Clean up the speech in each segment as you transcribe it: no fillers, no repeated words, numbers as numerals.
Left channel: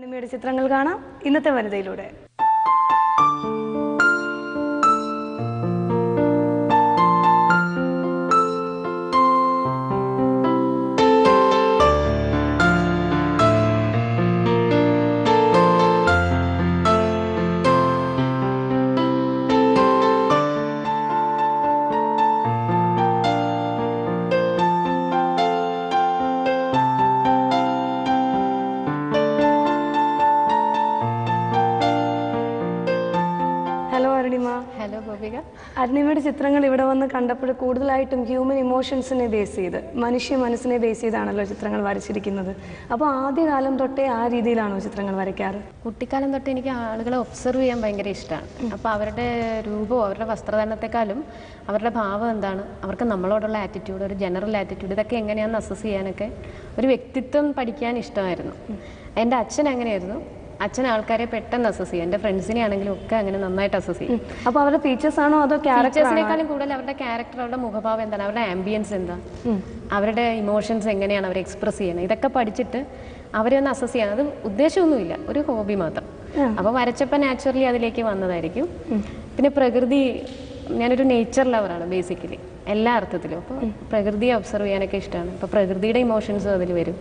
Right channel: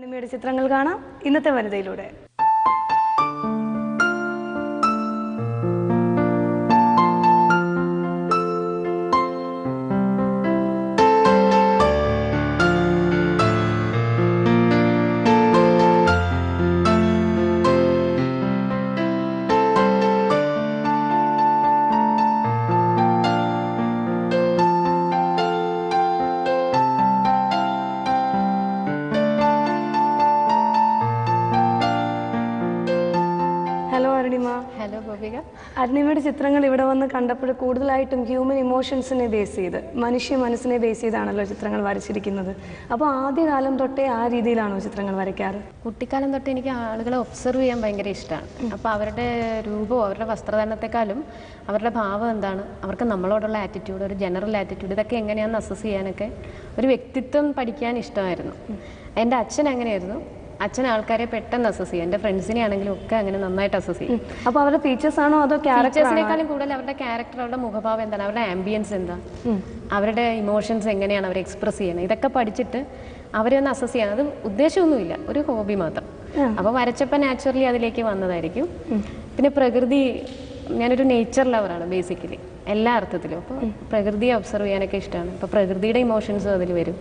അരുണിമയുടെ ചിത്രങ്ങൾ കാണാം ഇന്നത്തെ വനിതയിലൂടെ. ഹലോ അരുണിമ. ഹലോ ഗോപിക. അരുണിമയുടെ ചിത്രങ്ങൾ ഇവിടെ വന്ന് കണ്ടപ്പോൾ കൂടുതലായിട്ടും ഹ്യൂമൻ ഇമോഷൻസിനെ ബേസ് ചെയ്ത്, മനുഷ്യ മനസ്സിനെ ബേസ് ചെയ്താണല്ലോ ചിത്രങ്ങൾ വരച്ചിരിക്കുന്നത്. അപ്പോൾ ആദ്യകാലം തൊട്ടേ ആ രീതിയിലാണോ ചിത്രങ്ങൾ വരയ്ക്കാറ്? കുട്ടിക്കാലം തൊട്ട് എനിക്ക് ആളുകളെ ഒബ്സർവ് ചെയ്യാൻ ഭയങ്കര ഇഷ്ടമാണ്. അപ്പോൾ അവരുടെ രൂപവും അവരുടെ വസ്ത്രധാരണത്തെക്കാളും അവരുടെ ഭാവം എന്താണ്, അവർക്ക് നമ്മളോടുള്ള ആറ്റിറ്റ്യൂഡ്, ഒരു ജനറൽ ആറ്റിറ്റ്യൂഡ്, ഇതൊക്കെ എങ്ങനെയാണെന്ന് അസസ് ചെയ്യാനൊക്കെ ഒരു വ്യക്തിത്വം പഠിക്കാൻ ഇഷ്ടമായിരുന്നു. എൻ്റെ അച്ഛൻ അങ്ങനെയായിരുന്നു. അച്ഛൻ ആൾക്കാരെ പെട്ടെന്ന് അസസ് ചെയ്യും. എൻ്റെ ഫ്രണ്ട്സിനെ ആണെങ്കിലും ഒക്കെ അങ്ങനെ നന്നായിട്ട് അസസ് ചെയ്യും. അപ്പോൾ അവരുടെ ഫീച്ചേഴ്സ് ആണോ അതോ ഫീച്ചേഴ്സിനേക്കാളും കൂടുതൽ അവരുടെ ക്യാരക്ടർ, അവരുടെ മുഖഭാവം എന്താണ്, അവരുടെ ആംബിയൻസ് എന്താ, അവരുടെ ഇമോഷൻസ് എങ്ങനെയാണ് അവർ എക്സ്പ്രസ് ചെയ്യണത്, ഇതൊക്കെ പഠിച്ചിട്ട് അവരെ ഒന്ന് അസസ് ചെയ്യണം. അത് ഉദ്ദേശമൊന്നുമില്ല, ഒരു ഹോബി മാത്രം. അപ്പോൾ വരച്ചപ്പോൾ നാച്ചുറലി അതിലേക്ക് വന്നതായിരിക്കും. പിന്നെ പ്രകൃതി, ഞാനൊരു നേച്ചർ ലവറാണ് ബേസിക്കലി എല്ലാ അർത്ഥത്തിലും. അപ്പോൾ പ്രകൃതിയെ ഒബ്സർവ് ചെയ്യാനൊക്കെ ഇഷ്ടമാണ്. അപ്പോൾ പ്രകൃതിയുടെ ഇമോഷൻസും അതിൽ വരും.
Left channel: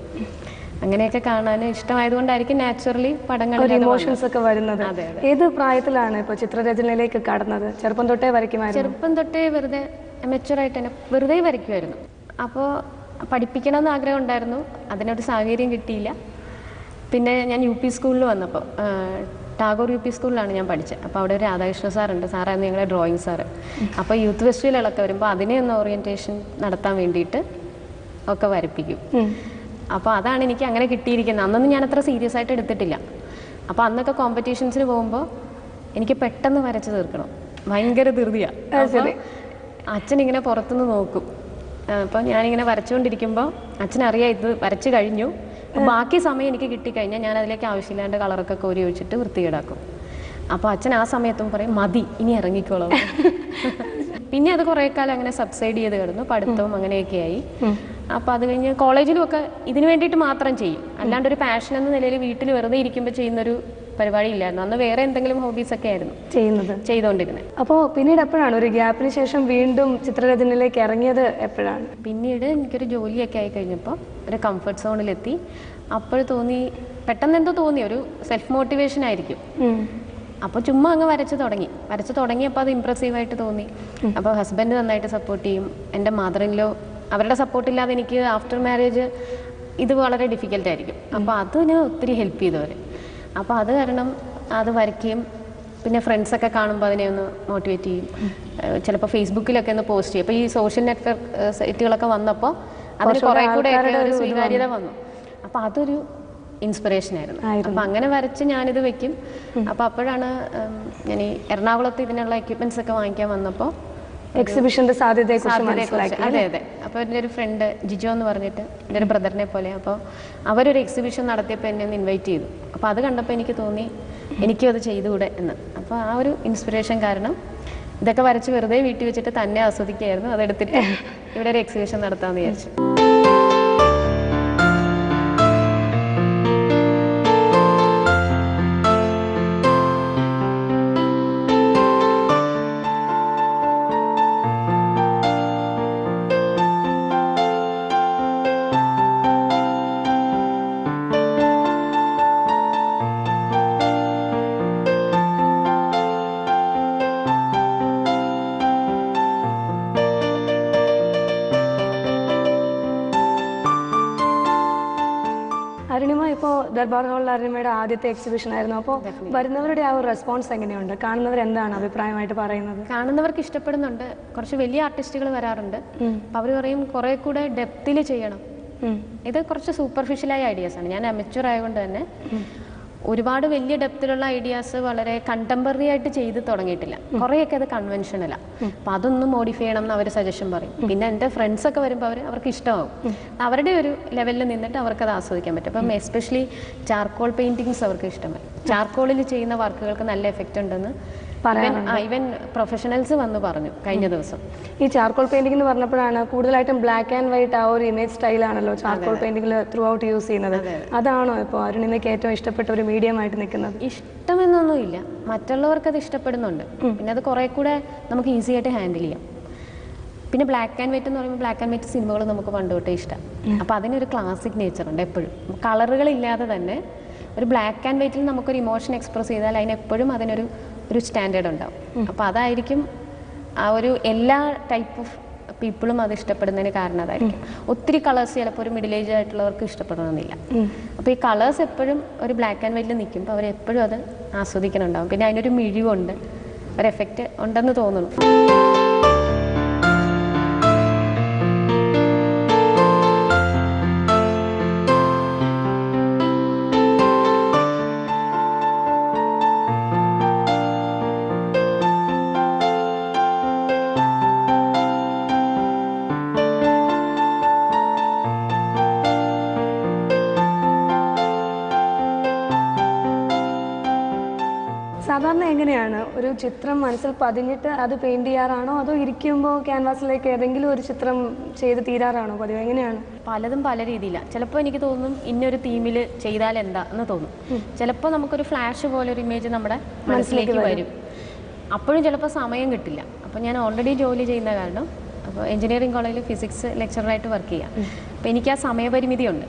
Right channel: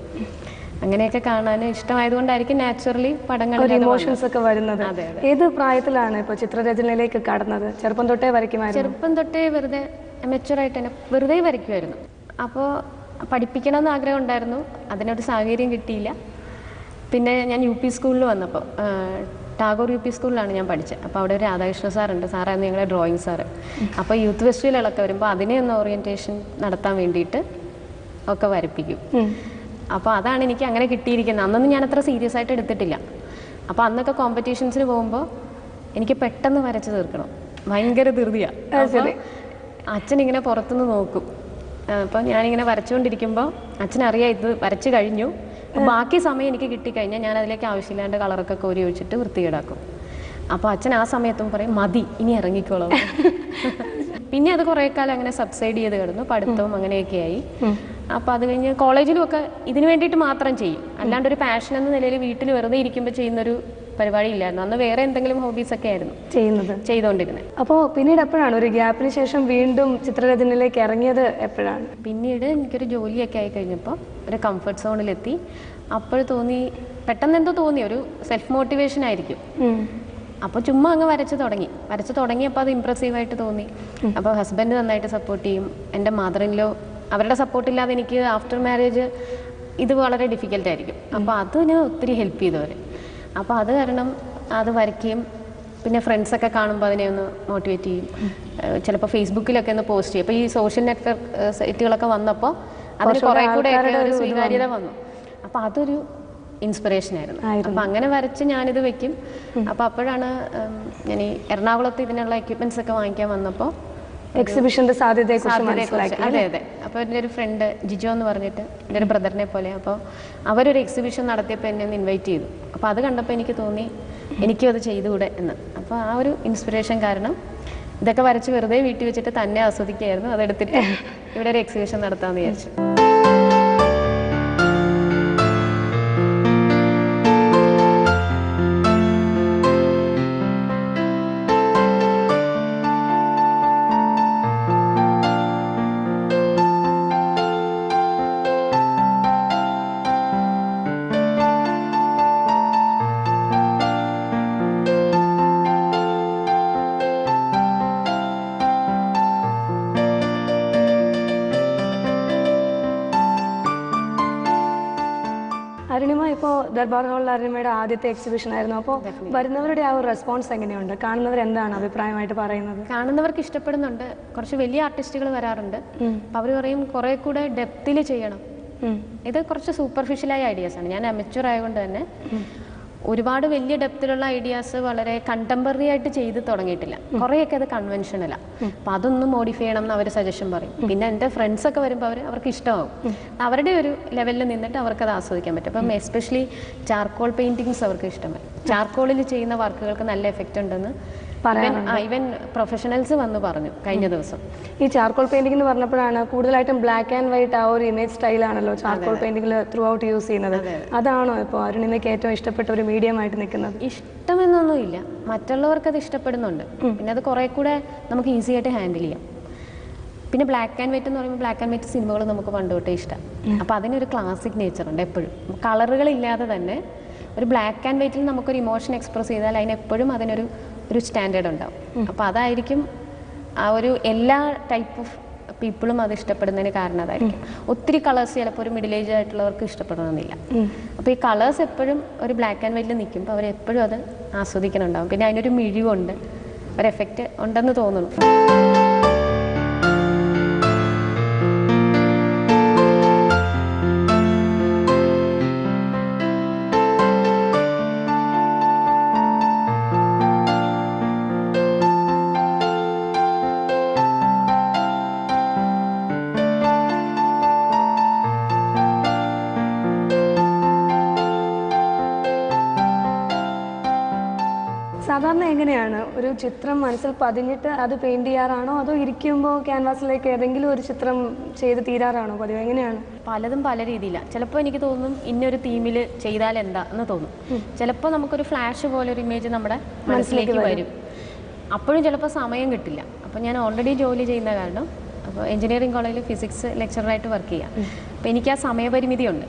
അങ്ങനെയൊക്കെ കാണാൻ ഇഷ്ടമായതുകൊണ്ടായിരിക്കും നാച്ചുറലി പടങ്ങളിൽ ഇമോഷൻസ് ഒക്കെ വരുന്നത്. ഏത് പ്രായത്തിലാണ് ഇപ്പോൾ ചിത്രരചനയിലേക്ക് കടന്നത്? ചെറുപ്പം തൊട്ടേ വരയ്ക്കുമായിരുന്നു? ചെറുപ്പം തൊട്ടേ വെറുതെ മെച്ചുവറായിട്ട് തന്നെ വെറുതെ വരയ്ക്കുമായിരുന്നു. അപ്പോൾ പഠിപ്പിക്കണമെന്ന് ആഗ്രഹം ഉണ്ടായിരുന്നു, അതിനൊരു സാഹചര്യം കിട്ടിയില്ല. പിന്നെ ഞാൻ UP സ്കൂളിൽ വന്നപ്പോൾ, ടാഗോർ UP സ്കൂളിലാണ് ഞാൻ പഠിച്ചത്. അപ്പോൾ അവിടെ ഒരു രാധാകൃഷ്ണ സാറുണ്ട്, സാറായിരുന്നു ഞങ്ങളുടെ ഡ്രോയിങ് സാറ്. അപ്പോൾ യൂത്ത് ഫെസ്റ്റിവലുകളൊക്കെ വരുമ്പോൾ അതിനെ ഒന്ന് ഓറിയൻറ്റേഷൻ നടത്താൻ വേണ്ടിയിട്ട് ഒക്കെ വരപ്പിക്കും. അപ്പോൾ അതാണ് എനിക്ക് അങ്ങനെ കിട്ടിയിരിക്കുന്നത്. അന്നൊന്നും ഞാൻ അത്ര സീരിയസ് ആയിട്ട് എടുത്തിട്ടില്ല. അപ്പോൾ അന്നൊക്കെ കോമ്പറ്റീഷൻസിന് പോകുമ്പോൾ എനിക്ക് പെട്ടെന്ന് വരച്ച് തീർക്കണം, ഭയങ്കര ധൃതിയാണ്. അപ്പോൾ അച്ഛനിങ്ങനെ പുറത്തുനിന്ന് നോക്കും. അപ്പോൾ ഞാനിങ്ങനെ വരച്ചുകൊണ്ടിരിക്കുമ്പോൾ അച്ഛനറിയാം ഇത് വരച്ച് കഴിഞ്ഞു. ബാക്കി സമയം എനിക്ക് കിട്ടിക്കഴിഞ്ഞാൽ ഞാൻ അതിലേക്ക് ആവശ്യമില്ലാണ്ട് കളറൊക്കെ കോരി ഒഴിച്ചിട്ട് വൃത്തികേടാക്കും. അപ്പോൾ അച്ഛൻ ആ സമയത്തും പറയും മതി, ഇനി ഇറങ്ങിക്കോളാം. പിന്നെ അത് കുറേ കാലം അങ്ങനെ സബ്സൈഡ് ചെയ്ത് കിടന്നു, പഠിത്തവും അങ്ങനെയൊക്കെയായി. അപ്പോൾ അത് കഴിഞ്ഞ് കോളേജിലും ഒക്കെ ഇതിന് വേണ്ടിയിട്ട് മാത്രം ചെയ്യും, അല്ലാണ്ട് ഒരു പാഷൻ എന്ന നിലയിൽ വീട്ടിൽ വെറുതെ ഇരിക്കുമ്പോൾ ചെയ്യുന്നൊരു പരിപാടി ഇല്ലായിരുന്നു. അന്ന് വേറെ എന്തെങ്കിലും ഹോബീസൊക്കെ ആയിരുന്നു ചെയ്തുകൊണ്ടിരുന്നത്. അപ്പോൾ പിന്നീട് എപ്പോഴാണ് ഒരു ഗ്യാപ്പിന് ശേഷം വീണ്ടും ചിത്രരചനയിലേക്ക് ഇറങ്ങിയത്? എപ്പോഴാണ്? പിന്നീട് എനിക്കൊരു ജോലിയൊക്കെ ആയി കഴിഞ്ഞപ്പോൾ ഒരു കംഫർട്ട് സോണിലെത്തി. അപ്പോൾ തോന്നി, പെട്ടെന്ന് എന്തോ തോന്നി, ഒരു സെൽഫ് മോട്ടിവേഷൻ ആയിരിക്കും. അപ്പോൾ ചുമ്മാ അങ്ങ് വരച്ച് തുടങ്ങിയപ്പോൾ അത് ഇമ്പ്രസീവായിട്ട് തോന്നി. അപ്പോൾ ഹസ്ബൻഡ് നന്നായിട്ട് സപ്പോർട്ട് ചെയ്യും. എൻ്റെ മദറിൻലോ, അവരുടെ സപ്പോർട്ടില്ലാതെ എനിക്ക് ആഫ്റ്റർ മാരേജ് ഇത് വളരെ ഡിഫിക്കൽട്ടായിരിക്കും. അപ്പോൾ അതിന് ഒത്തിരി ഹെൽപ്പ് ചെയ്തവർ. അപ്പോൾ അത് കാരണം അത് വരയ്ക്കുകയും പിന്നെ ഫ്രണ്ട്സൊക്കെ കാണുമ്പോൾ അതിനെ ഒന്ന് മോട്ടിവേറ്റ് ചെയ്യും. ചിലപ്പോൾ ഫേസ്ബുക്കിലൊക്കെ ഒന്ന് പോസ്റ്റ് ചെയ്യും. അപ്പോൾ ഈ സോഷ്യൽ നെറ്റ്വർക്ക് സൈറ്റുകളൊക്കെ വന്നപ്പോൾ അതിന് കുറേ കൂടെ ഒരു സ്വീകാര്യത വന്നു. അപ്പോൾ അതൊരു ഇൻസ്പിറേഷനായിരുന്നു. അപ്പോൾ അങ്ങനെ വരച്ച് ഞാനിത് വെക്കും. അപ്പോൾ അപ്പോഴാണ് ഞാൻ ഈ എറണാകുളത്ത് ഇതിനുള്ള എക്യുപ്മെൻറ്റ്സ് ഒക്കെ വാങ്ങിക്കാൻ വന്നപ്പോൾ എക്സിബിഷൻ്റെ സാധ്യതയെക്കുറിച്ച്. അതെ. അപ്പോൾ എൻ്റെ ഒരു ഫ്രണ്ട് ജിജോ എന്ന് പറഞ്ഞിട്ട്, എൻ്റെ ഒരു ബ്രദറിനെ പോലെ, അപ്പോൾ അവരൊരു എക്സിബിഷൻ നടത്തിയപ്പോൾ എന്നെ ഒന്ന് ഇൻവൈറ്റ് ചെയ്തു. അപ്പോൾ അത് കണ്ടപ്പോൾ എനിക്ക് തോന്നി എനിക്കും അത് ചെയ്തുകൂടെ എന്ന്. അപ്പോൾ ആ ഒരു ഇൻസ്പിറേഷൻ കാരണം ഇതൊക്കെ വരച്ച് വെറുതെ വീട്ടിൽ വെച്ചിട്ട് തന്നെ ആസ്വദിക്കുകയായിരുന്നു. അതെടുത്തിട്ട് ഇവിടെ ഒരു എക്സിബിഷൻ നടത്താമെന്ന് വിചാരിച്ചു. അരുണിമ, ഇപ്പോൾ ദർബാർ ഹാളിൽ അരുണിമയുടെ ആദ്യത്തെ എക്സിബിഷൻ ആയിരുന്നു. അപ്പോൾ വരുന്നവരുടെ ആ ഒരു റെസ്പോൺസ് എങ്ങനെയുണ്ട്? കാണുന്നവർ എന്താണ് അഭിപ്രായമായിട്ട് പറയുന്നത്? കാണുന്നവർക്ക് ഇഷ്ടപ്പെടുന്നുണ്ട്. കുറച്ച് വലിയ ആർട്ടിസ്റ്റുകൾ വരാറുണ്ട്. അപ്പോൾ അവർ പറയും കുറേ കൂടെ ഡെപ്തിൽ ചെയ്യണം. ഇത് കുറച്ച് സൂപ്പർഫിഷ്യലായ ഐഡിയാസാണ്. ഞാൻ അമച്വർ ആയതുകൊണ്ട് തന്നെ ഒരുപാട് വലിയ ഡെപ്തിലുള്ള ഐഡിയാസ് വളരെ കണ്ടംപററി ആയിട്ട് ചെയ്ത് തുടങ്ങിയിട്ടില്ല. കുറേയൊക്കെ അത് കൺവെൻഷനലാണ്. അപ്പോൾ അതൊന്നും മോഡിഫൈ ചെയ്യണം എന്ന് അവർ സജഷൻ പറയും. പിന്നെ എൻ്റെ ഫ്രണ്ട്സൊക്കെ വരുമ്പോൾ അവർക്ക് ഇഷ്ടമാവും. അവരുടെ ഒരു ലെവലിൽ നിന്നിട്ട് അവർക്കത് ആസ്വദിക്കാൻ പറ്റും. അപ്പം എസ്പെഷ്യലി ചാർക്കോൾ പെയിൻറ്റിങ്സ് അവർക്ക് ഇഷ്ടമായി. ചാർക്കോളിൽ ചെയ്യുന്ന വർക്കുകൾക്ക് നല്ല എഫക്റ്റ് ഉണ്ടെന്ന് ഈവൻ പ്രൊഫഷണൽസ് വന്ന് പറഞ്ഞു കഴിഞ്ഞ ദിവസം. ഈ ചാർക്കോൾ പെയിന്റിംഗ് എന്ന് പറഞ്ഞപ്പോഴാണ് കൂടുതലായിട്ടും ബ്ലാക്ക് ആൻഡ് വൈറ്റ് ആ ഒരു ഇമേജ് സ്റ്റൈലാണല്ലോ ചാർക്കോൾ പെയിന്റിംഗിൽ ത്രൂ ഔട്ട് യൂസ് ചെയ്യുന്നത്. അതാണോ ഇപ്പോൾ അരുണിമയ്ക്ക് ഏറ്റവും ഇഷ്ടപ്പെട്ട ഒരു മീഡിയം ആയിട്ട് നിൽക്കുന്നത്? ഇഷ്ടമെന്നൊന്നുമില്ല, മറ്റുള്ളവർക്ക് അത് ഇഷ്ടപ്പെടുന്നുണ്ട്. പിന്നെ അത് കുറേ കൂടെ നമുക്ക് ഈസി ആയിട്ട് ഹാൻഡിൽ ചെയ്യാം. പിന്നെ ബ്ലാക്ക് ആൻഡ് വൈറ്റ് എന്ന് പറയുമ്പോൾ ബ്ലാക്ക് ആൻഡ് വൈറ്റ് സിനിമകൾ നമുക്ക് പണ്ട് തൊട്ടേ ഇഷ്ടം. അപ്പോൾ അതിനൊരു ക്ലാസിക് നേച്ചറുണ്ട് എപ്പോഴും. കളറുകളില്ലാതെ തന്നെ ഒരു ബ്ലാക്ക് ആൻഡ് വൈറ്റിൽ നമുക്കൊരു ഇമോഷൻ എക്സ്പ്രസ് ചെയ്താൽ അതിനെപ്പോഴും അതിനൊരു സ്റ്റാൻഡേർഡ് ഉണ്ടാവും. അപ്പോൾ അതായിരിക്കും ആ ഒരു എല്ലാ ടൈപ്പ് ഓഫ് പീപ്പിളും അത് ഇഷ്ടപ്പെടുന്നതിന് കാരണം അതായിരിക്കും. ഒത്തിരി കളേഴ്സ് ചിലപ്പോൾ ഒരു മിഡിൽ ഏജ് ആയിട്ടുള്ളവർക്ക് ഇഷ്ടപ്പെടണമെന്നില്ല. അപ്പോൾ ഈ കളേഴ്സ് എപ്പോഴും ഒരു ബ്ലാക്ക് ആൻഡ് വൈറ്റിൽ നിൽക്കുമ്പോൾ അവരെപ്പോഴും അത് ആസ്വദിക്കുന്നുണ്ടാവും. പിന്നെ അതിനൊരു മിഴിവുണ്ട്, ഒരു എഫക്റ്റ് ഉണ്ടെന്ന് തോന്നുന്നു. സാധാരണ എങ്ങനെയാണ് ഒരു ചിത്രം മനസ്സിൽ പതിഞ്ഞിട്ട് അത് പെയിന്റ് ചെയ്യാറാണോ, അതോ ഇരിക്കുമ്പോൾ ക്യാൻവാസിലേക്ക് ഏതെങ്കിലും ഒരു ചിത്രം ചെയ്ത് തീരാറാണോ പതിവ്? എങ്ങനെയാണ്? പലതും പല രീതിയിലാണ്. ചിലപ്പോൾ എനിക്ക് തോന്നും ഇന്നൊരു തീമിൽ ചെയ്താൽ എന്താ എന്ന് തോന്നും. ചിലപ്പോൾ നമുക്കൊരു ഫ്ലാഷ് പോലെ ഒരു ഇമേജ് നമ്മുടെ മനസ്സിലേക്ക് വരും. അപ്പോഴും ചിലപ്പോൾ സമയം കിട്ടില്ല. അപ്പോൾ ഞാൻ ഓൾറെഡി ജോലി ചെയ്യുന്ന കാരണം അപ്പോൾ എഞ്ചിനീയറിംഗ് കോളേജിൽ ഫിസിക്സ് ലെക്ചറായിട്ട് വർക്ക് ചെയ്യാം. അപ്പോൾ എനിക്ക് ആ സമയപരിമിതിയുണ്ട്.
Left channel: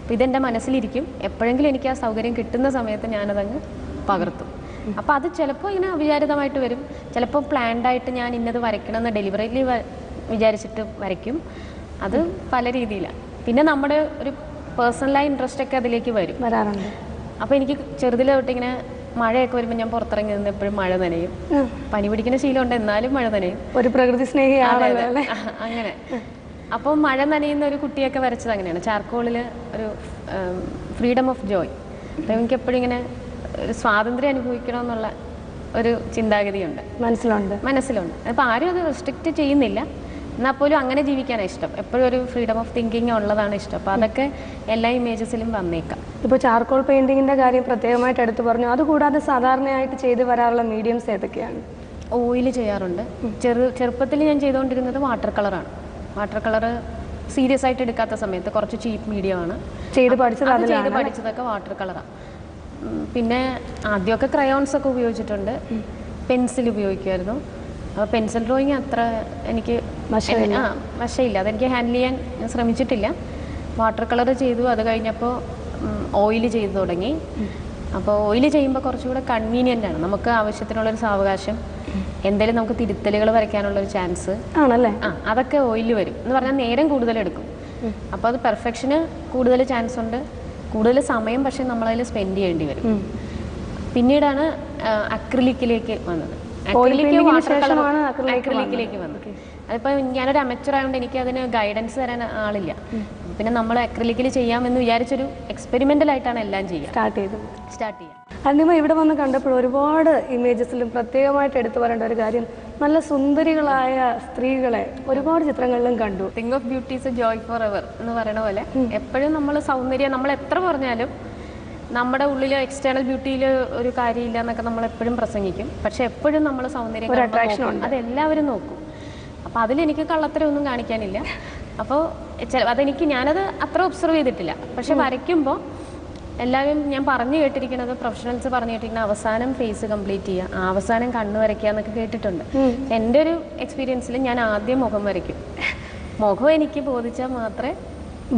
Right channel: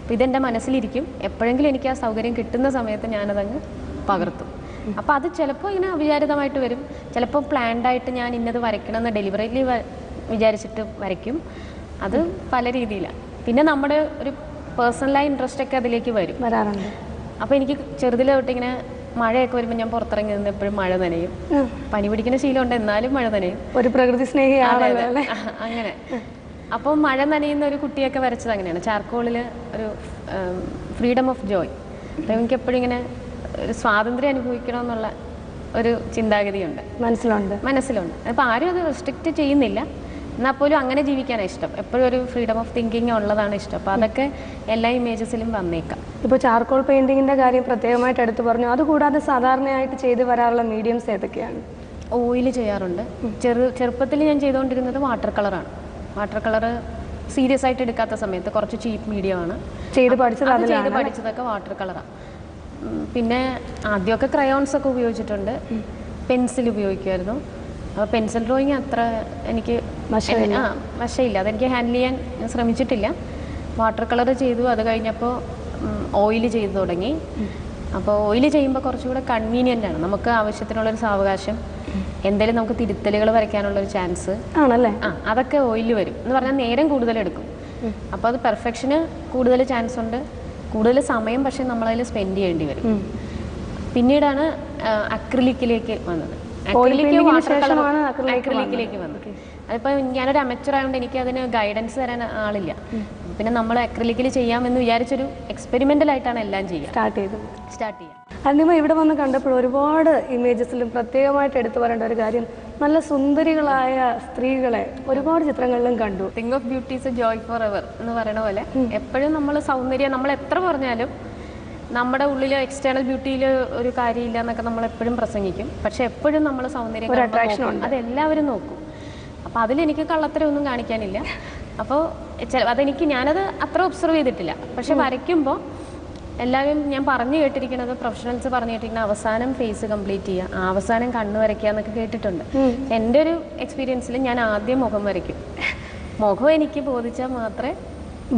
അപ്പോൾ ഇതെൻ്റെ മനസ്സിലിരിക്കും. എപ്പോഴെങ്കിലും എനിക്ക് ആ സൗകര്യം കിട്ടുന്ന സമയത്ത് ഞാനതങ്ങ് പകർത്തും. അപ്പോൾ അത് ചിലപ്പോൾ ഇങ്ങനെ അവിചാരിതമായിട്ട് വരും. ചിലപ്പോൾ പ്ലാൻഡായിട്ട് ഞാൻ ഇന്നത് വരയ്ക്കണമെന്ന് ഡെലിവറിയിൽ വിചാരിച്ചിട്ട് വരയ്ക്കും. അത് പല രീതിയിലാണ്. പിന്നെ നമ്മുടെ ഒരു പേഴ്സണലായ ഇൻട്രസ്റ്റ് ഒക്കെ അതിലേക്ക് വരാറുണ്ട്. അപ്പോൾ എനിക്ക് ചെറുതിലെ തൊട്ടിങ്ങനെ മഴയൊക്കെ വരുമ്പോൾ ഞാൻ പുറത്തിറങ്ങി നിന്ന് എപ്പോഴും മഴ നനയും. പനി പിടിക്കുന്ന ശീലമുണ്ട്, എന്നാലും മഴ നനയും. ഒരു പ്രകൃതി സ്നേഹിയാണല്ലേ അങ്ങനെ. അപ്പോൾ മഴ നനയുന്ന ഒരു കുട്ടിയൊക്കെ വരച്ചത് അങ്ങനെയാണ്. ചാർക്കോളിൽ ഒരു ഫ്രീഡം ഓഫ് ജോയ്. അപ്പോൾ എനിക്ക് എപ്പോഴും ഇങ്ങനെ ഒരു സ്വാതന്ത്ര്യം അനുഭവിക്കണമെന്നുള്ള ഒരു ചിന്താഗതിയുണ്ട്, മനസ്സിലുണ്ട്. അപ്പോൾ ആരും അത് റെസ്ട്രിക്റ്റ് ചെയ്യുന്നില്ല, എന്നാൽ പോലും അങ്ങനെ ജീവിക്കാനാണ് ഇഷ്ടം. എപ്പോഴും ഒരു ഫ്രീഡം ഓഫ് തിങ്കിങ് ഉള്ളതാണ് ഇഷ്ടം. അപ്പോൾ അതൊക്കെ എല്ലാ ഇമേജസിലും വന്നേക്കാം. ഇപ്പോൾ ചാർക്കോൾ പെയിൻറ്റിങ്ങിൻ്റെ കാര്യം പ്രത്യേകമായിട്ട് എടുത്തു പറഞ്ഞു. അതുകൂടാതെ സാധാരണയായിട്ട് ചെയ്ത് വരാറുള്ള മീഡിയംസ് ഏതൊക്കെയാണ്? ഓയിൽ ചെയ്യാറുണ്ട്. ചെറുപ്പത്തിൽ ഞാൻ ചെയ്തുകൊണ്ടിരുന്നത് വാട്ടർ കളറാണ്. വാട്ടർ കളർ സീരിയസ് ആയിട്ട് എടുക്കാത്ത സമയത്ത് കുറച്ച് ചീപ്പ് മീഡിയമാണ് ചെയ്ത് പഠിച്ചതൊക്കെ വാട്ടർ കളറാണ്. പിന്നെ ആദ്യമൊക്കെ ക്രയോൺസ് ഒക്കെ ഉപയോഗിച്ചിട്ടുണ്ട്, പെൻസിൽ ഉപയോഗിക്കുമായിരുന്നു. അപ്പോൾ പെൻസിൽ ഡ്രോയിങ് അത്ര എനിക്ക് വശമില്ല, അതെനിക്ക് ഹാൻഡിൽ ചെയ്യാൻ ശ്രമിച്ചിട്ടില്ല. വാട്ടർ കളർ ചെയ്തു. അത് കഴിഞ്ഞപ്പോൾ ഓയിൽ ചെയ്തു തുടങ്ങി. അപ്പോൾ ഓയിൽ ചെയ്യുമ്പോൾ കുറച്ചുകൂടെ കൺവീനിയൻ്റ് ആണ്. നമുക്ക് ആവശ്യത്തിനുള്ളൊരു സാവകാശം, എന്തെങ്കിലും നമുക്ക് തിരുത്തലുകൾ വരയ്ക്കാനുള്ളൊരു ചാൻസ് ആണല്ലേ, അതൊക്കെ ഓയിൽ വരും എന്ന് പറഞ്ഞാൽ നേരം കൂടുതലെടുക്കും. അപ്പോൾ അത് പെർഫെക്ഷന് കൂടുതൽ ചാൻസ് ഉണ്ട്, കൂടുതൽ സമയം പക്ഷേ നമ്മളതിൽ സ്പെൻഡ് ചെയ്യേണ്ടി വരും. പിന്നീടാണ് അക്രിലിക്കിലേക്ക് വന്നത്. അക്രിലിക്കിലേക്ക് വന്നത്. അതിപ്പോൾ ഞാനൊരു അമച്ചർ ആയതുകൊണ്ട് എനിക്ക് അതിന് ഗൈഡൻസ് തരാൻ ആളില്ല. പിന്നെ നമ്മൾ അക്രിലിക്കിൽ ചെയ്യാമെന്ന് വിചാരിച്ചൊരു എക്സ്പെരിമെൻ്റലായിട്ടാണ് എല്ലാം സ്റ്റാർട്ട് ചെയ്യുക. അരുണിമ ഇവിടെ വന്ന് കണ്ടപ്പോൾ ഒരുപാട് ഇമേജസിലും പ്രത്യേകമായിട്ട് എടുത്തു പറയേണ്ട ഒരു കാര്യം, നല്ല സുന്ദരികളായ സ്ത്രീകളെ ഒരുപാട് ചിത്രങ്ങളിലും കണ്ടു. Thing of beauty is A Joy for ever എന്ന് പറയുന്ന പോലെ എപ്പോഴും നമ്മൾ സൗന്ദര്യം, നമ്മൾ എത്ര പറഞ്ഞാലും നമ്മുടെ ഉള്ളിൽ എക്സ്റ്റേണൽ ബ്യൂട്ടിയിൽ ഒരു കാര്യമില്ല എന്നൊക്കെ നമ്മൾ എപ്പോഴും പ്രസംഗിക്കും. പക്ഷെ എപ്പോഴും നമ്മൾ സൗന്ദര്യം അതെല്ലാവരും നോക്കും. അപ്പോൾ അതിലെനിക്ക് കള്ളത്തരമൊന്നും കാണിക്കാനില്ല. അപ്പോൾ ഞാനത് അത്ര ഒബ്സർവ് ചെയ്തിട്ടില്ല. പക്ഷെ വരയ്ക്കുമ്പോൾ എല്ലാവരും ഞാൻ പറഞ്ഞു കേട്ടിരിക്കുന്നത്, പ്രൊഫഷണൽസ് പറഞ്ഞു കേട്ടിരിക്കുന്നത് അവസാനം ഫേസ് കംപ്ലീറ്റ് ചെയ്യുക, അവസാനം കണ്ണ് വരയ്ക്കുക എന്നൊക്കെ കേട്ടിട്ടുണ്ട്. എൻ്റെ ഒരു എക്സ്പീരിയൻസിൽ ഞാൻ ആദ്യം മുഖം വരയ്ക്കും. മുഖം എനിക്ക് ബോധിച്ചാൽ മാത്രമേ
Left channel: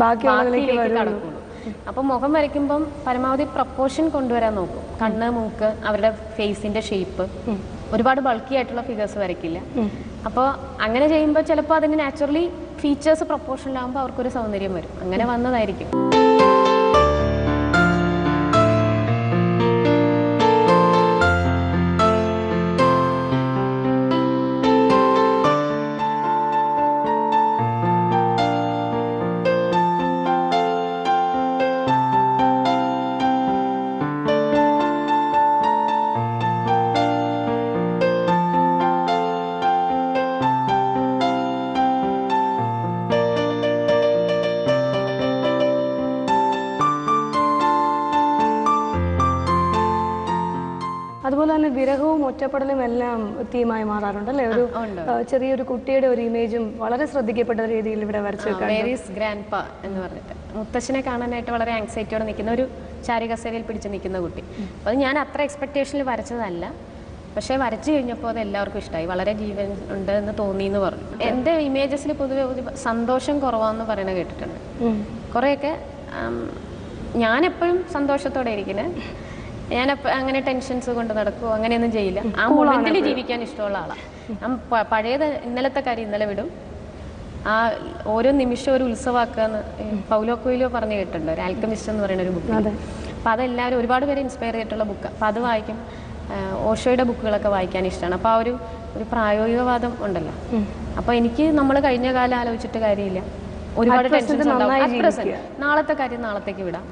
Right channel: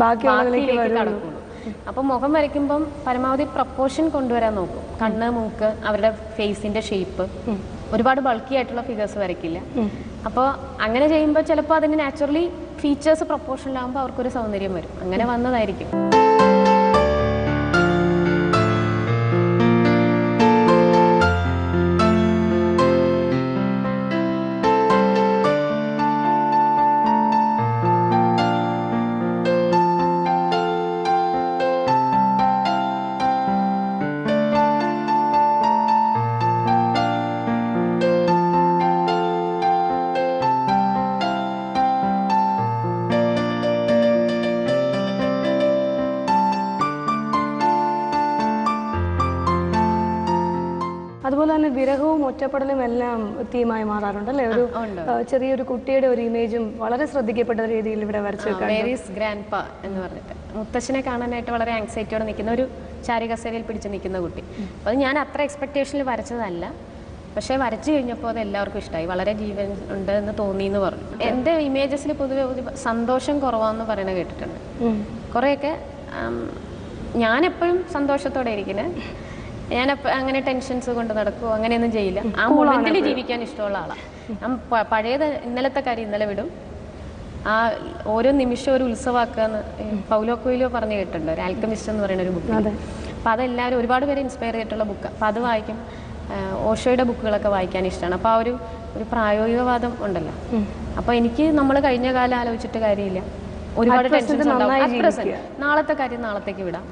ബാക്കിയിലേക്ക് കടക്കുള്ളൂ. അപ്പോൾ മുഖം വരയ്ക്കുമ്പം പരമാവധി പ്രപ്പോർഷൻ കൊണ്ടുവരാൻ നോക്കും. കണ്ണ്, മൂക്ക്, അവരുടെ ഫേസിൻ്റെ ഷേപ്പ്, ഒരുപാട് ബൾക്കി ആയിട്ടുള്ള ഫിഗേഴ്സ് വരയ്ക്കില്ല. അപ്പോൾ അങ്ങനെ ചെയ്യുമ്പോൾ ചിലപ്പോൾ അതിന് നാച്ചുറലി ഫീച്ചേഴ്സ് പ്രപ്പോർഷനിലാകുമ്പോൾ അവർക്കൊരു സൗന്ദര്യം വരും. അങ്ങനെ വന്നതായിരിക്കും. അതുപോലെ തന്നെ വിരഹവും ഒറ്റപ്പെടലും എല്ലാം തീമായി മാറാറുണ്ട് അല്ലേ? ഒരു ചെറിയൊരു കുട്ടിയുടെ ഒരു ഇമേജും വളരെ ശ്രദ്ധിക്കപ്പെട്ട രീതിയിൽ ഇവിടെ വരച്ചു ഗ്രാൻഡ്പ എന്ന് പറഞ്ഞിട്ട് മുത്തശ്ശനെ കാണാനായിട്ട് വളരെ ആങ്സൈറ്റിയോടെ നിൽക്കുന്ന ഒരു ചാരികസേരയിൽ പിടിച്ച് നിൽക്കുന്ന കുട്ടി. അത് ഞാൻ അത്ര എക്സ്പെക്റ്റേഷനിൽ വരച്ചതല്ല, പക്ഷേ വരച്ചു കഴിഞ്ഞപ്പോൾ അത് എല്ലാവർക്കും ഇഷ്ടമായി, വളരെ ജീവൻ ഉണ്ട് എന്ന് തോന്നി എന്ന് പറഞ്ഞു. എൻ്റെ ഇമേജസിൽ പൊതുവെ സന്തോഷം കുറവാന്ന് പറയുന്നത് കേട്ടിട്ടുണ്ട്. കുറേയൊക്കെ ഞാനെപ്പോഴും സന്തോഷത്തോടെ ഇരിക്കുന്നത്, ഞാനപ്പോൾ അങ്ങനെ ടെൻഷൻസ് കൊണ്ട് നടക്കുമോ അങ്ങനെയൊന്നും ചെയ്യില്ല. ആ മൊമെന്റിൽ ജീവിക്കാൻ ഇഷ്ടമുള്ള ആളാണ് ഞാൻ. പഴയത് ഇന്നലത്തെ കാര്യം ഇന്നലെ വിടും, ആ ഓരോ നിമിഷം ഒരു ഉത്സവമാക്കാന്ന് പൗലോ കൊയ്ലോ പറഞ്ഞു കേട്ടിട്ടുണ്ട്, ഒരു ആൽക്കമിസ്റ്റ് എന്ന് പറയുന്ന ഒരു ബുക്ക്. അപ്പം അതെല്ലാവരും ഒരുപാട് പേര് ഇൻസ്പയർ ചെയ്തിട്ടുള്ള ബുക്ക്. അപ്പം അത് വായിക്കും. ഓഷോയുടെ ബുക്കുകളൊക്കെ വായിക്കാൻ ഇഷ്ടമാണ്. അപ്പോൾ ആ ഒരു പ്രായോഗികവാദം ഉണ്ടല്ലോ. അപ്പോൾ എനിക്ക് നമ്മൾ കഴിഞ്ഞ കാലം ആലോചിച്ചിട്ട് കാര്യമില്ല, ഒരുപാട് ടെൻഷൻസ് ഉണ്ടാവും. നാളത്തെ കാര്യം നാളത്തേക്ക് വിടാം.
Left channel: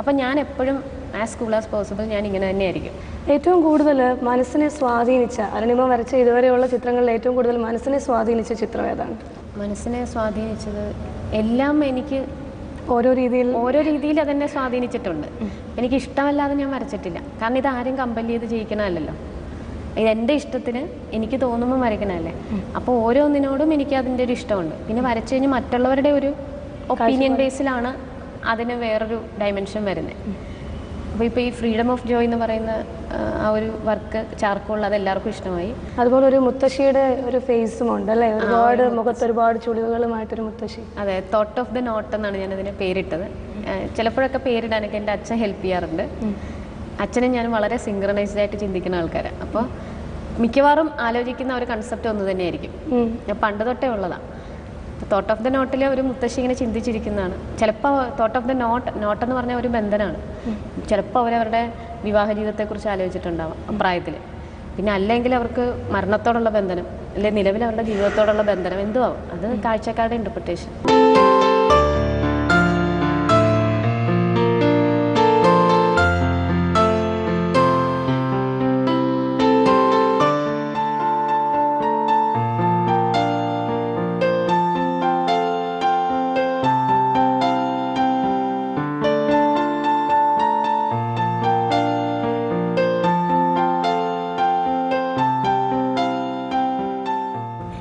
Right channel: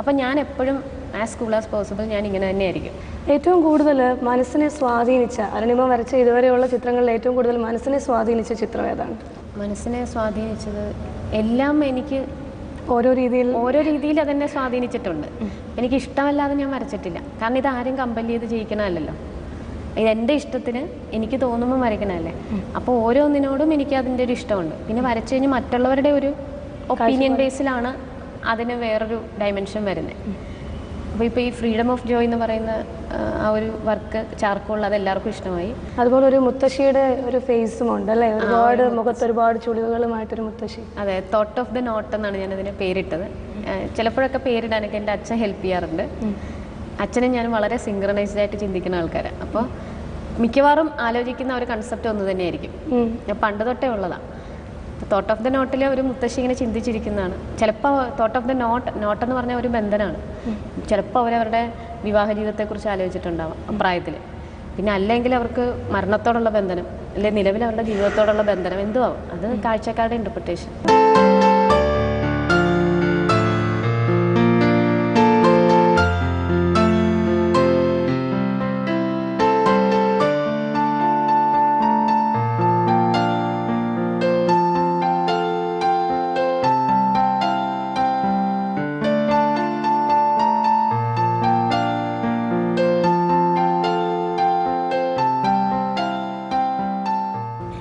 അപ്പം ഞാൻ എപ്പോഴും ആസ് കൂൾ ആസ് പോസിബിൾ ഞാൻ ഇങ്ങനെ തന്നെയായിരിക്കും. ഏറ്റവും കൂടുതൽ മനസ്സിനെ സ്വാധീനിച്ച, അരുണിമ വരച്ച ഇതുവരെയുള്ള ചിത്രങ്ങളിൽ ഏറ്റവും കൂടുതൽ മനസ്സിനെ സ്വാധീനിച്ച ചിത്രം ഏതാണ്? മനസ്സിനെ സ്വാധീനിച്ചത് എല്ലാം എനിക്ക് ഓരോ രീതിയിൽ അതെന്നെ സ്വാധീനിച്ചിട്ടുണ്ട്. എനിക്ക് ഇഷ്ടമല്ലാതെ ഞാൻ വരച്ചിട്ടില്ല. കാരണം ഇത് ആരും കമ്പൽ ചെയ്ത് ചെയ്യിക്കണമല്ലോ, ഇത് എൻ്റെ ഇഷ്ടത്തിന് എനിക്ക് തോന്നുമ്പോൾ വരയ്ക്കണമല്ലേ. അപ്പോൾ ഓരോന്നിനോടും എനിക്ക് അതിൻ്റെ ഒരു ഇഷ്ടമുണ്ട്. പിന്നെ വരച്ചു കഴിഞ്ഞ് മറ്റുള്ളവരുടെ ഒരു ഒപ്പീനിയൻ ബേസിലാണ് അതിന് വേറൊരു ഡയമെൻഷൻ വരുന്നത്. അപ്പോൾ ഇപ്പോൾ ഈ ഫ്രീഡം ഓഫ് ജോയ് എന്ന് പറയുന്ന ആ ഒരു വർക്ക് ചാർക്കോളിൽ അത് എല്ലാവർക്കും ഇഷ്ടമായി. അതുപോലെ ഒരു മുത്തശ്ശിയുടെ ഒരു ഫേസും ഉണ്ട് അല്ലേ, ഒരുപാട് മുഖത്ത് ഒരുപാട് ചുളിവുകളുമായിട്ടൊരു മുത്തശ്ശി. അതെ, തോട്ട് ഓഫ് ദ നോട്ട് എന്നാണ് ഞാനതിന് പേരിട്ടത്. ചിലപ്പോഴൊക്കെ പേരിടാനൊക്കെ എൻ്റെ അച്ഛൻ ഹെൽപ്പ് ചെയ്യാറുണ്ട്. അച്ഛനും ഞാനും വളരെ സിങ്ക്രണൈസ്ഡ് ആയിട്ട് ചിന്തിക്കുന്ന ആൾക്കാരാണ്. അപ്പോൾ മിക്കവാറും ആലോചിക്കുന്ന ഒരു കൺസെപ്റ്റ് ഒന്ന് തന്നെയായിരിക്കും. ഞാൻ പണ്ട് തൊട്ടേ ഉള്ളതാണ്. തോട്ട് ഓഫ് ദ നോട്ടിലെ ഒരു മുത്തശ്ശി ഇങ്ങനെ ചിന്തിച്ചിരിക്കുന്നതാണ്. ചിലപ്പോൾ തോട്ട് ഓഫ് ദ നോട്ടെന്ന് പറഞ്ഞ ഒരു ബന്ധനമാണ്. ചിലപ്പോൾ അവരവരുടെ വിവാഹ ജീവിതത്തെക്കുറിച്ച് ആലോചിച്ചിട്ടുണ്ടാവാം അപ്രായത്തിൽ. പിന്നെ അല്ലെങ്കിൽ അവർക്ക് മരണത്തോടുള്ള ബന്ധനം, അല്ലെങ്കിൽ നിലവിൽ അവരുടെ ജീവിതത്തോടുള്ള ബന്ധനം എന്തോ ആവും. അത് കാഴ്ചക്കാരുടെ ഇൻ്റർപ്രിട്ടേഷൻ.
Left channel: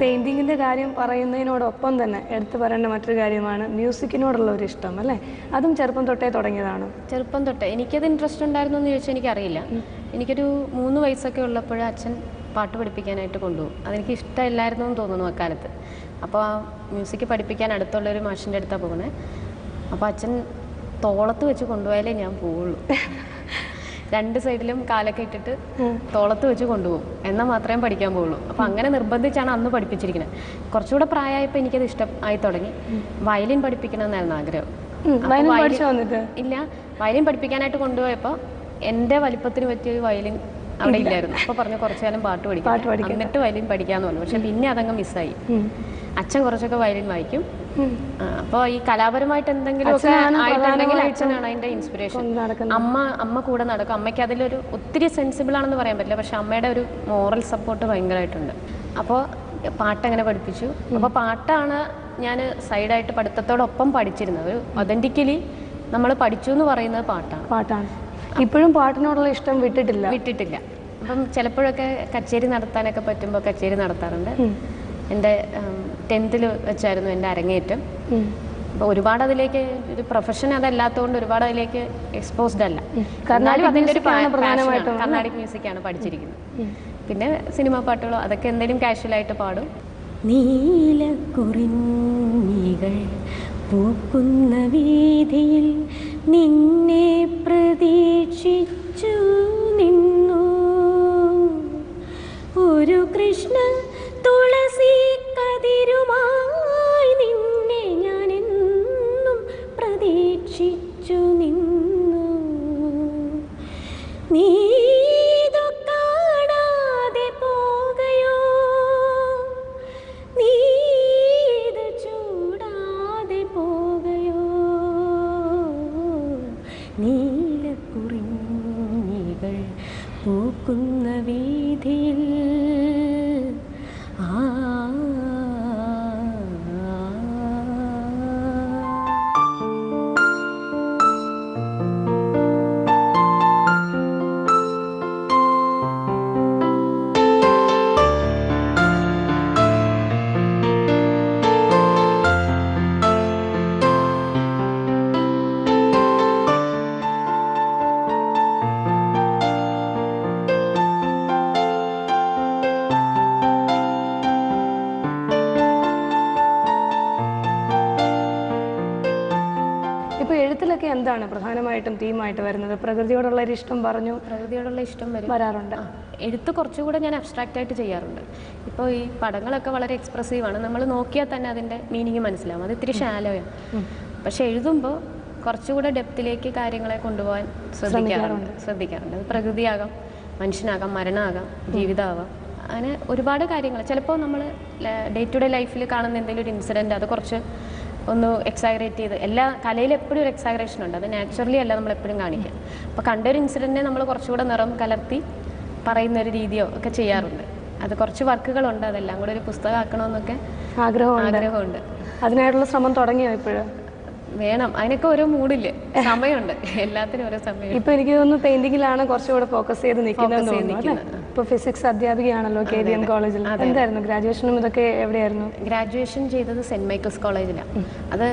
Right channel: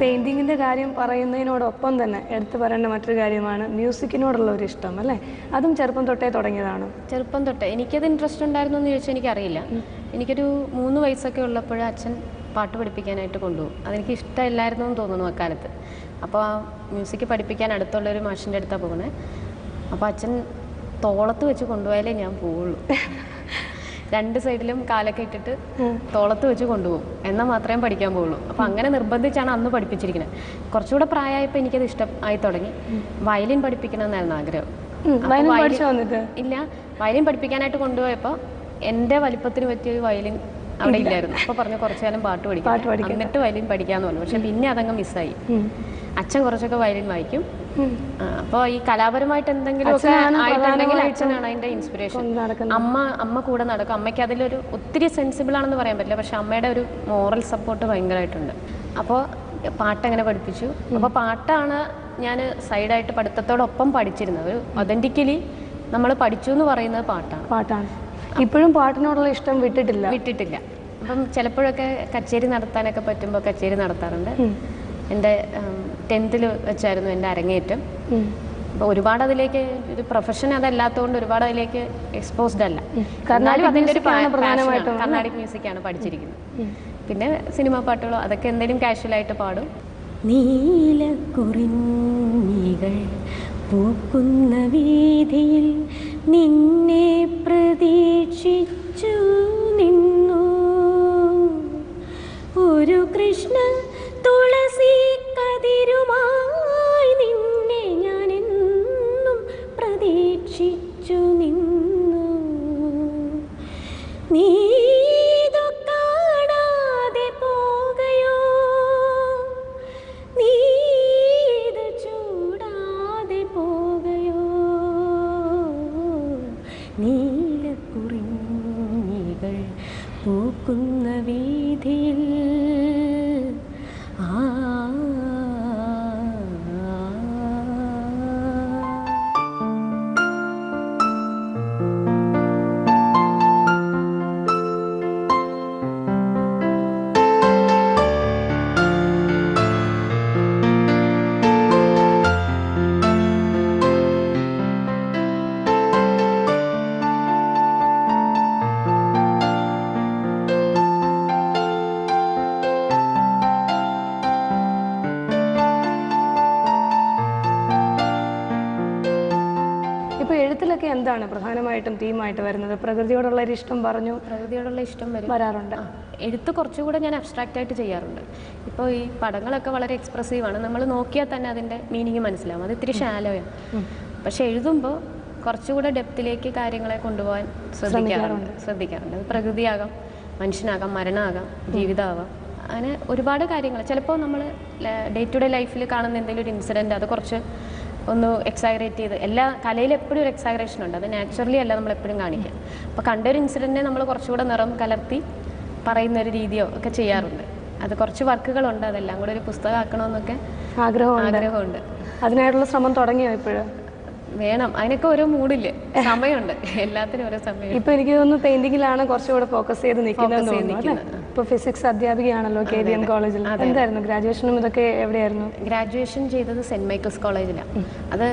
പെയിൻറ്റിങ്ങിൻ്റെ കാര്യം പറയുന്നതിനോടൊപ്പം തന്നെ എടുത്തു പറയേണ്ട മറ്റൊരു കാര്യമാണ് മ്യൂസിക്കിനോടുള്ള ഒരു ഇഷ്ടം അല്ലേ? അതും ചെറുപ്പം തൊട്ടേ തുടങ്ങിയതാണ്? ചെറുപ്പം തൊട്ടേ എനിക്കത് ഇൻട്രസ്റ്റ് ഉണ്ടായിരുന്നു എന്ന് ചോദിച്ചാൽ എനിക്കറിയില്ല. എനിക്കൊരു 3 വയസ്സൊക്കെ ഉള്ളപ്പോൾ അച്ഛൻ പാട്ട് പഠിപ്പിക്കാനായിട്ട് കൊണ്ടുപോകും. അതെനിക്ക് ഇഷ്ടമില്ലായിരുന്നു എന്ന് തോന്നുന്നു അക്കാലത്ത്. അപ്പോൾ ആ മ്യൂസിക് പഠിപ്പിക്കാൻ അടുത്തുള്ളൊരു മാഷിൻ്റെ അടുത്താണ് പോകുന്നത്. അപ്പോൾ അച്ഛൻ തോളത്ത് വെച്ച് കൊണ്ടുപോയാലേ ഞാൻ പോവുള്ളൂ. 2 സൈഡിലും കാലൊക്കെ ഇട്ടിട്ട് തോളത്ത് വെച്ച് കൊണ്ടുപോകും, എന്നാൽ മാത്രമേ പഠിക്കാൻ പോവുള്ളൂ. അപ്പോൾ അങ്ങനെ നിർബന്ധിച്ചാണ് അന്ന് പഠിപ്പിച്ചിരിക്കുന്നത്. കുറച്ചുകൂടെ പ്രായമായപ്പോൾ എനിക്കത് ഇഷ്ടമായി തുടങ്ങി. വയലിൻ പഠിപ്പിക്കണമെന്നായിരുന്നു ആഗ്രഹം. ഇല്ല, വയലിൻ പഠിപ്പിക്കാനായിട്ട് കൊണ്ടുപോയപ്പോൾ എൻ്റെ വലിപ്പത്തിന് പറ്റിയൊരു വയലിൻ അവിടെ ഇല്ലായിരുന്നു. അപ്പോൾ പറഞ്ഞു കുറച്ചു കാലം പാട്ട് പഠിക്കാം, എന്നിട്ട് വയലിൻ പഠിക്കാമെന്ന് പറഞ്ഞു. പക്ഷെ പിന്നെ അതങ്ങ് മിസ്സായി. അച്ഛൻ കുറച്ചൊക്കെ വയലിൻ വായിക്കും. അപ്പോൾ ഈ കലാപരമായിട്ട് എന്തെങ്കിലും ഒക്കെ ആയിട്ടുണ്ടെങ്കിൽ അച്ഛനാണ് അതിൻ്റെ ഇൻസ്പിറേഷൻ. അമ്മ കൂടെ നടക്കും. അമ്മയ്ക്ക് അതിലൊരു ഒത്തിരി സെൻസിബിൾ ആണെന്ന് പറയാൻ പറ്റില്ല, പക്ഷെ അമ്മയുടെ ഒരു മോറൽ സപ്പോർട്ട് ഭയങ്കരമായിട്ടുണ്ട്. അപ്പോൾ പാട്ടങ്ങനെ പഠിപ്പിച്ചു. അപ്പോൾ പാട്ടാണ് ഞാൻ സൈഡായിട്ട് പഠിത്തത്തോടൊപ്പം പഠിച്ചിരുന്നത്. ഒരു ഒതൻറ്റിക്കലി നമ്മൾ പഠിച്ചു എന്ന് പറയുന്നത് പാട്ടാണ്. ഇപ്പോഴും പാട്ടിനോടുള്ള ഇഷ്ടം വിട്ടിട്ടില്ല. അപ്പം ചിലപ്പോഴൊക്കെ കച്ചേരി നടത്താനൊക്കെ പറ്റുമ്പോൾ കച്ചേരി നടത്താറുണ്ട്. എൻ്റെ 10th വെച്ചായിരുന്നു എൻ്റെ അരങ്ങേറ്റം. അപ്പോൾ ഒരുപാട് അതിലേക്ക് ഒരു പ്രൊഫഷൻ അതല്ലാത്തതുകൊണ്ട് ഒരുപാട് അതിലേക്ക് എക്സ്പോസ്ഡ് അല്ല. എന്നാലും അതിൻ്റെ ഒരു കർണാടിക് മ്യൂസിക്കാണ് പഠിച്ചിരിക്കുന്നത്. പിന്നെ സിനിമാ പാട്ടുകളോ അതൊക്കെ എന്തെങ്കിലും കാഷ്വലായിട്ട് പാടും. നീലക്കുറിഞ്ഞികൾ പൂക്കുന്ന വീതിയിൽ നിന്നെ പ്രതീക്ഷിച്ചു നിന്നു ഒരു കൃഷ്ണ തുളസി കതിരുമായി നിന്നെ ഞാനെന്നും പ്രതീക്ഷിച്ചു നിന്നു. നീതു കാണാതെ പോകയോ, നീത് ചൂടാതെ പോകയോ, നീലക്കുറിഞ്ഞികൾ പൂക്കുന്ന വീതിയിൽ എഴുത്തിലൊക്കെ എന്താണ് പ്രധാനമായിട്ടും തീമായിട്ട് വരുന്നത്? പ്രകൃതിയോടുള്ള ഒരു ഇഷ്ടം പറഞ്ഞു, പ്രകൃതിയോടുള്ള ഇഷ്ടം വരാറുണ്ട്. എഴുത്ത് കുറച്ചുകൂടെ ഞാൻ അബ്സ്ട്രാക്റ്റ് ആയിട്ട് ചെയ്യാറുണ്ട്. ഇപ്പോൾ ഈ പടങ്ങളൊക്കെ വളരെ എക്സ്പ്രസീവാണ്, നമ്മൾ നോക്കിയാൽ തന്നെ അതിൻ്റെ മീനിങ് മനസ്സിലാവും, അത് ഇത്തിരി ഷാലോയാണ്. പക്ഷെ എഴുതുമ്പോൾ കുറച്ചുകൂടെ ഡെപ്തിലേക്ക് കാര്യങ്ങളെ കൊണ്ടുപോകാൻ ശ്രദ്ധിക്കാറുണ്ട്. അത് പ്രകൃതിയാകാം, മനുഷ്യനാകാം, മരണമാകാം, ജീവിതമാകാം, അങ്ങനെ ഒരുപാട് കാര്യങ്ങൾ. ചിലപ്പോൾ നമ്മൾ ഡേ ടു ഡേ ലൈഫിൽ കാണുന്ന എന്തെങ്കിലും ഒരു ഇൻസിഡൻറ്റ് അത് കുറച്ച് ഒന്ന് എക്സാഗ്രേറ്റ് ചെയ്ത്, എല്ലാ കലയിൽ എപ്പോഴും ഒരു എക്സാഗ്രേഷൻ ഉണ്ട്, അത് നാച്ചുറലി അല്ല നമ്മളെപ്പോഴും കാണിക്കുക. അപ്പോൾ കണ്ടൊരു ഇൻസിഡൻറ്റിനെ നമ്മൾ കുറച്ചുകൂടെ നിറം കലർത്തി പറയുന്നൊരു രീതിയോ ഒക്കെ ചെയ്യാറുണ്ട്. അത് കുറച്ച് വർക്കുകളുണ്ട്, അതെല്ലാം കൂടെ ഒരു പുസ്തകമാക്കണമെന്നൊക്കെ ആഗ്രഹമുണ്ട്. അതിനായിട്ടുള്ള ശ്രമം തുടങ്ങിയോ ഇപ്പോഴും? വേണം, അതിനൊക്കെ ഓരോ മൂഡില്ല, സമയമുണ്ട്, എല്ലാത്തിനും ഓരോ സമയം. ഇപ്പൊ എനിക്ക് തോന്നുന്നു പെയിന്റിങ്ങിലാണ് കുറച്ചുകൂടെ ഫോക്കസ് ചെയ്ത് നിൽക്കുന്നത്. ഇപ്പൊ ഫിസിക്സ് അധ്യാപികയാണല്ലോ KVM കോളേജിൽ. എന്തായിരുന്നു ഗ്രാജുവേഷനും ഇതൊക്കെ എവിടെയായിരുന്നു? ഗ്രാജുവേഷൻ ചെയ്തത് സെന്റ് മൈക്കിൾസ് കോളേജിലാണ്. അത്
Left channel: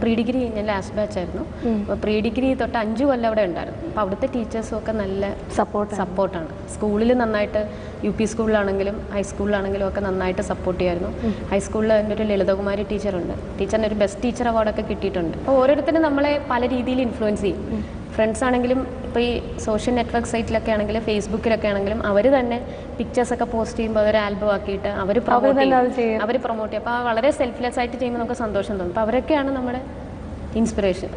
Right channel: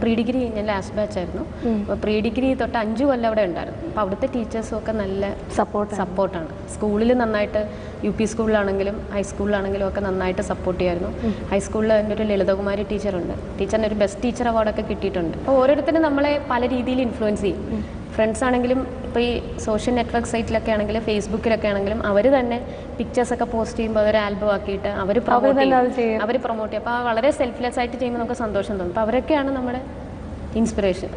പ്രീ ഡിഗ്രി ഞാൻ ലാസ്റ്റ് ബാച്ച് ആയിരുന്നു. അപ്പോൾ പ്രീ ഡിഗ്രി തൊട്ട് 5 കൊല്ലം അവിടെ ഉണ്ടായിരുന്നു. അപ്പോൾ അവിടുത്തെ ടീച്ചേഴ്സും ഒക്കെ നല്ല സപ്പോർട്ടാണ്. സ്കൂളിൽ നന്നായിട്ട്, UP സ്കൂളിലാണെങ്കിലും ഹൈസ്കൂളിലാണെങ്കിലും ഒക്കെ നന്നായിട്ട് സപ്പോർട്ട് ചെയ്യായിരുന്നു. ഹൈസ്കൂളിൽ എൻ്റെ ഒരു ലളിതകുമാരി ടീച്ചറുണ്ട്, ടീച്ചറിന് ഒരു ബെസ്റ്റ് ടീച്ചർ അവാർഡൊക്കെ കിട്ടിയിട്ടുണ്ട്. അപ്പോൾ ഓരോരുത്തരും നമ്മളെ പല രീതിയിൽ ഇൻഫ്ലുവൻസ് ചെയ്യും. ഫ്രണ്ട്സ് ആണെങ്കിലും ഇപ്പോൾ ഈ സോഷ്യൽ നെറ്റ്വർക്ക് സൈറ്റിലൊക്കെ ആണെങ്കിലും ഫേസ്ബുക്കിലൊക്കെ ആണെങ്കിലും അവർ തന്നെ പിക്ചേഴ്സൊക്കെ പോസ്റ്റ് ചെയ്യുമ്പോൾ അതൊരു ആൽബം ആക്കിയിട്ട് അവർ പ്രൊമോട്ട് ചെയ്യും. അപ്പോൾ വളരെ സെൽഫ്ലെസ് ആയിട്ട് ചെയ്യുമ്പോൾ നമുക്ക് സന്തോഷം തോന്നും. അപ്പോൾ അവരൊക്കെയാണ് നമ്മുടെ ഇൻസ്പിറേഷൻ.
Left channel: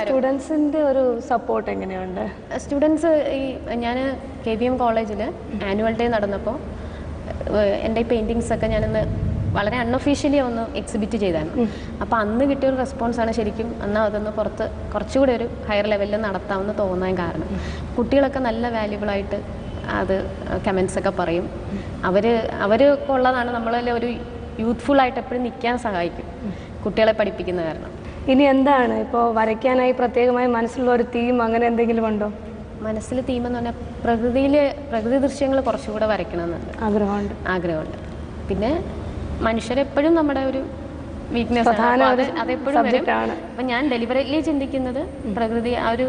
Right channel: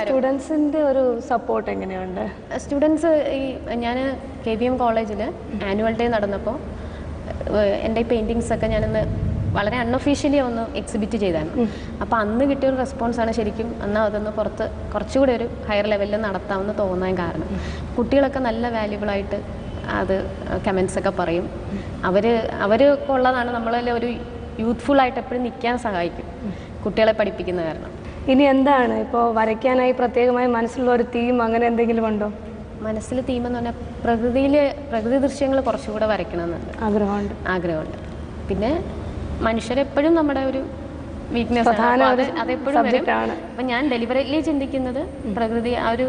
സ്റ്റുഡൻസിൻ്റെ ഒരു സപ്പോർട്ട് എങ്ങനെയുണ്ട്? സ്റ്റുഡൻസ്, ഈ ഞാൻ KVM കോളേജിൽ ആനുവൽ ഡേ നടന്നപ്പോൾ എൻ്റെ ഈ പെയിൻറ്റിങ്സൊക്കെ ഞാനൊന്ന് വളരെ അൺഒഫീഷ്യലി ഒന്ന് എക്സിബിറ്റ് ചെയ്തായിരുന്നു. അപ്പോൾ അന്ന് കിട്ടിയൊരു റെസ്പോൺസാണ് ശരിക്കും അന്ന് അതൊന്ന് പുറത്ത് കുറച്ചുകൂടി ഒരു ഹയർ ലെവലിൽ നടത്താമെന്ന് തോന്നാൻ കാരണം. കുട്ടികളൊക്കെ നല്ല വാല്യുബിളായിട്ട് അത് കമൻസൊക്കെ പറയും. അവർക്ക് ഉള്ളതാണ് നമ്മളെല്ലാം ഒരു യൂത്ത്ഫുള്ളായിട്ട് എപ്പോഴും നിൽക്കാൻ സഹായിക്കും കുട്ടികളെ പഠിപ്പിക്കുന്ന കാരണം. ഇനി എന്താണ് ഇപ്പോൾ വരയ്ക്കാനായി പ്രത്യേകമായി മനസ്സിലുള്ള ഒരു തീം അങ്ങനെ എന്തെങ്കിലും ഉണ്ടോ? മനസ്സിൽ തീമെന്ന് പറഞ്ഞാൽ പ്രകൃതി ദൃശ്യങ്ങൾ കുറച്ചുകൂടെ വരയ്ക്കണമെന്നുണ്ട്, ആഗ്രഹമുണ്ട്. പിന്നെ മനുഷ്യരെപ്പോഴും നമ്മുടെ ഒരു വീക്ക്നെസ് ആണ്, അതെപ്പോഴും വരും. അപ്പം ഞാൻ ഡെലിബറേറ്റ്ലി ചിന്തിക്കുന്നത് പ്രകൃതി, ആ ഒരു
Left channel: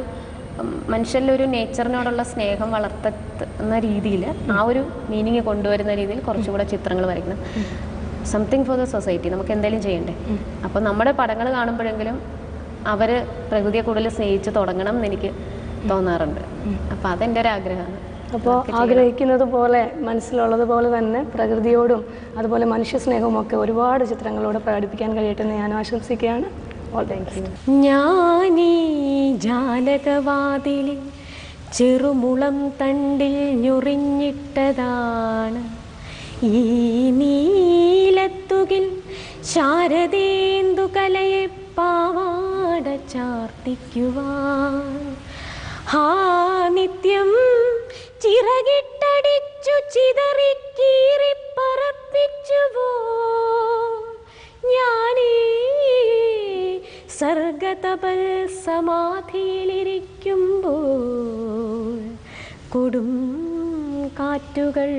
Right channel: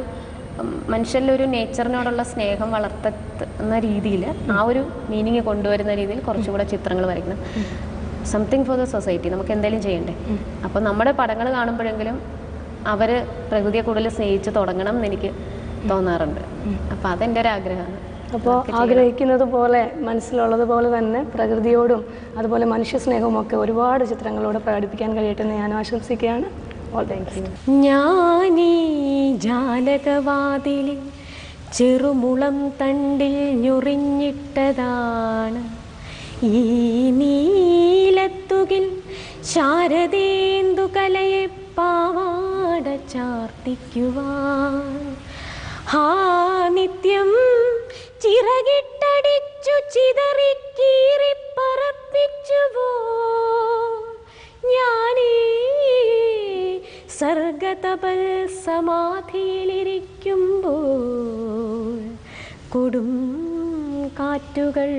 മനുഷ്യരിലൊരു നേച്ചറിനോടുള്ള സ്നേഹം വളർത്തുന്ന രീതിയിൽ, ആ ഒരു മീനിങ് കൊണ്ടുവരുന്ന രീതിയിൽ കുറച്ചുകൂടെ ചിത്രങ്ങൾ വരയ്ക്കണം. സംതിങ് ഫോർ ദ സൊസൈറ്റി, നമുക്ക് എന്തെങ്കിലും ചെയ്യണ്ടേ? അപ്പോൾ നമ്മുടെ പടങ്ങൾ കാണുമ്പോഴെങ്കിലും അവർ പ്രകൃതിയെ കൂടുതൽ സ്നേഹിച്ച് തുടങ്ങണം എന്ന് എനിക്ക് തോന്നാറുണ്ട്. അപ്പോൾ അതെൻ്റെ ഒരു ആഗ്രഹമാണ്. അപ്പോൾ ആഗ്രഹിക്കുന്നത് പോലെ, മനസ്സിലുള്ളത് പോലെ തന്നെ പ്രകൃതിയോടും അതുപോലെ മനുഷ്യ സ്നേഹവും ഒക്കെ ഒരുപാട് ചിത്രങ്ങളോട് പ്രകടിപ്പിക്കാൻ കഴിയട്ടെ എന്ന് ഞാൻ ആശംസിക്കുകയാണ്. ഞാനീ ജാലകവാതിലിൽ ചെറുമുളം തണ്ടിൽ ഞൊറിഞ്ഞിട്ടതാണ് ഈ നീലത്തുകിൽ ശാരദേന്ദു കലയെ പാവാട ചാർത്തിക്കുവാൻ. ഹാ നിത്യം ചിറകിട്ടടിച്ചു ചിതറിക്കീറിപ്പറപ്പിച്ചുവോ ഞാനീ സർഗതപൽ സമാധിയിലിരിക്കുമ്പോൾ കൊടും കാറ്റുകൾ